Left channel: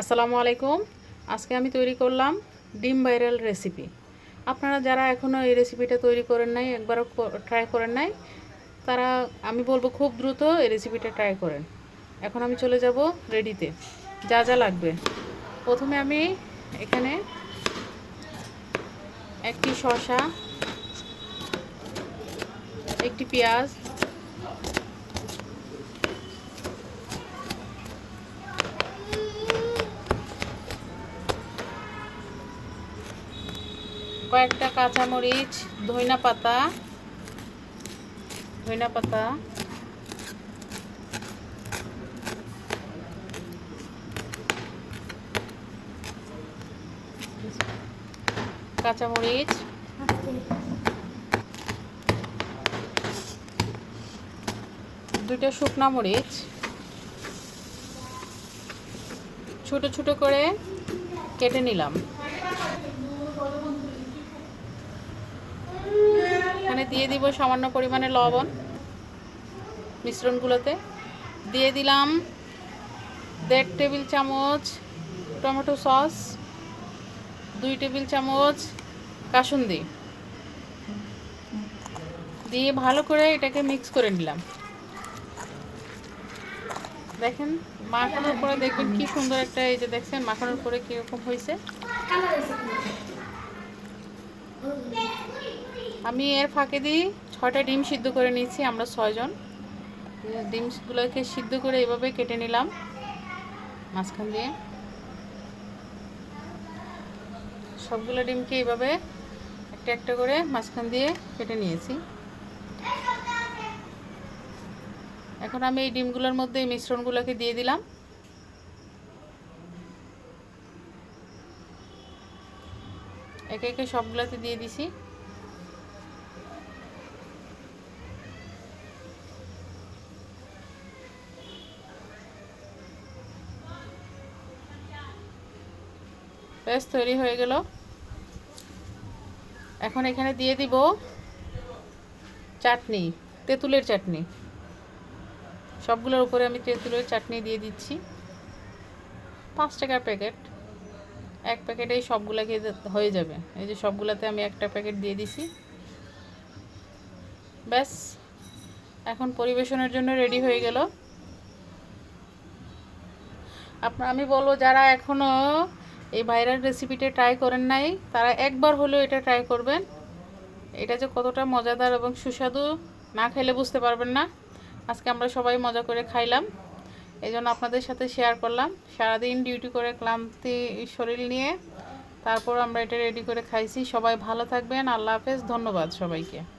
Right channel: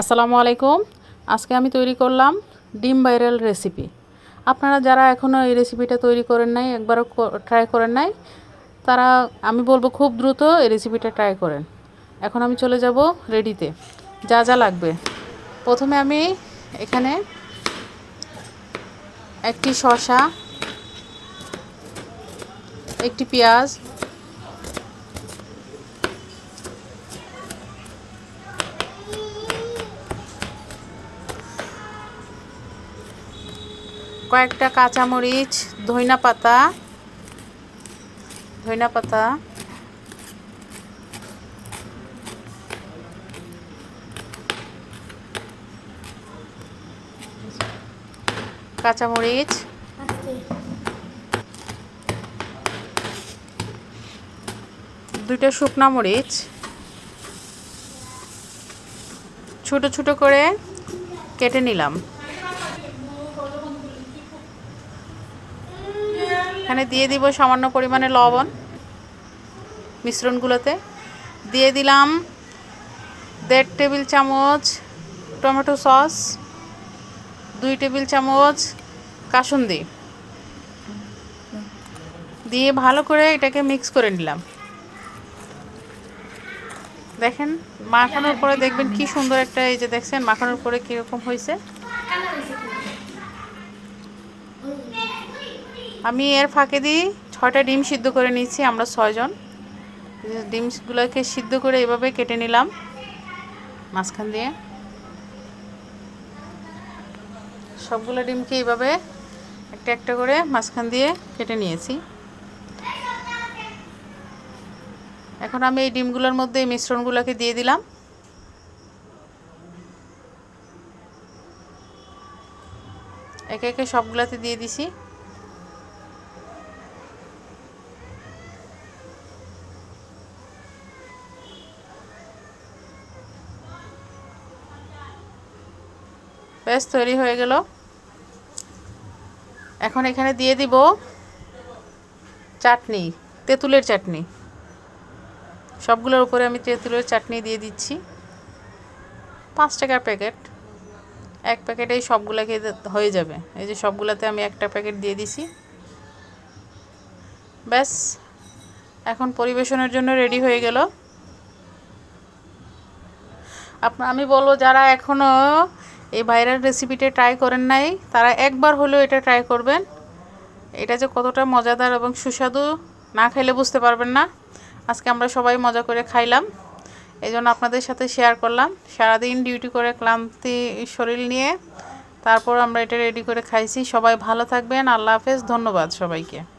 আসসালামু আলাইকুম। আজকে আমি তৈরি করলাম ডিম ভাইরাল রেসিপি। আপনারা যারা এখনও এই রেসিপিটা তৈরি করেন নাই, একবারও ট্রাই করেন নাই, তারা, আমি বলব খুব দ্রুত এই রেসিপিটা ট্রাই করেন। এখন আমি চলে যাব রেডিতে যা যা লাগবে। প্রথমে আমি এখানে একটি শসা, একটি পেঁয়াজ কয়েকটা কাঁচামরিচ, ধইনা পাতা ধইনা পাতা, কাঁচামরিচ, দুইটা শুকনা মরিচ, ছোট ছোট করে কেটে নিলাম। এখানে দিয়ে দিব সামান্য পরিমাণে লবণ মিশ্রণগুলোতে। দিয়ে দিলাম দেড় টেবিল চামচ টমেটো সস, দুই টেবিল চামচ কাসুন্দি। দিয়ে ভালো করে এটাকে মিক্স করে নিলাম। দেখেন, মাখানোর পরে দেখবেন কি সুন্দর একটা এই যে দেখছেন, মাখানোর পরে কীরকম হয়েছে। আমি এর ফাঁকে দিই ছয়টা ডিম সিদ্ধ করে নিচ্ছি আমরা ছয়জন। ডিমগুলোকে সিদ্ধ করে এভাবে কেটে নিলাম মাঝখান দিয়ে। সবগুলো ডিমকে এইভাবে একটা একটা করে মাঝখান দিয়ে কেটে নিয়েছি। এখন আমি এই ডিমগুলোর মধ্যে এই মিশ্রণগুলোকে দিয়ে দিলাম। একে একে সবগুলাতে দিয়ে দিছি। বেশ তৈরি হয়ে গেল। এখন এখানে দিয়ে দিব চাটনি, তেঁতুলের চাটনি। সবগুলোর উপরে আমি তেঁতুলের চাটনি দিয়ে দিচ্ছি। পাঁচ টাকার প্যাকেট। এক প্যাকেটেই সবগুলোকে হয়ে যাবে। এই যে সবগুলোতে আমি একটা প্যাকেট দিয়ে দিছি। ব্যাস, এখন পরিবেশনের জন্য রেডি হয়ে গেল। আপনার আমি বলব, যারা এখনও এই ভাইরাল রেসিপিটা ট্রাই করেন নাই, তারা একবার হলেও এটা ট্রাই করবেন। এটা যে কতটা মজাদার এবং সুস্বাদু, না খাইলে বুঝতে পারবেন না। আজকে আমরা সবাই মজা করে খাইলাম। এই জন্য আপনাদের সাথে শেয়ার করলাম। সারাদিন ডিউটি করে ক্লান্তি শরীর নিয়ে, তারপর আমরা এটা রেডি করে খাইছি। সবাই ভালো থাকবেন। আল্লাহ হাফেজ। ধন্যবাদ সবাইকে।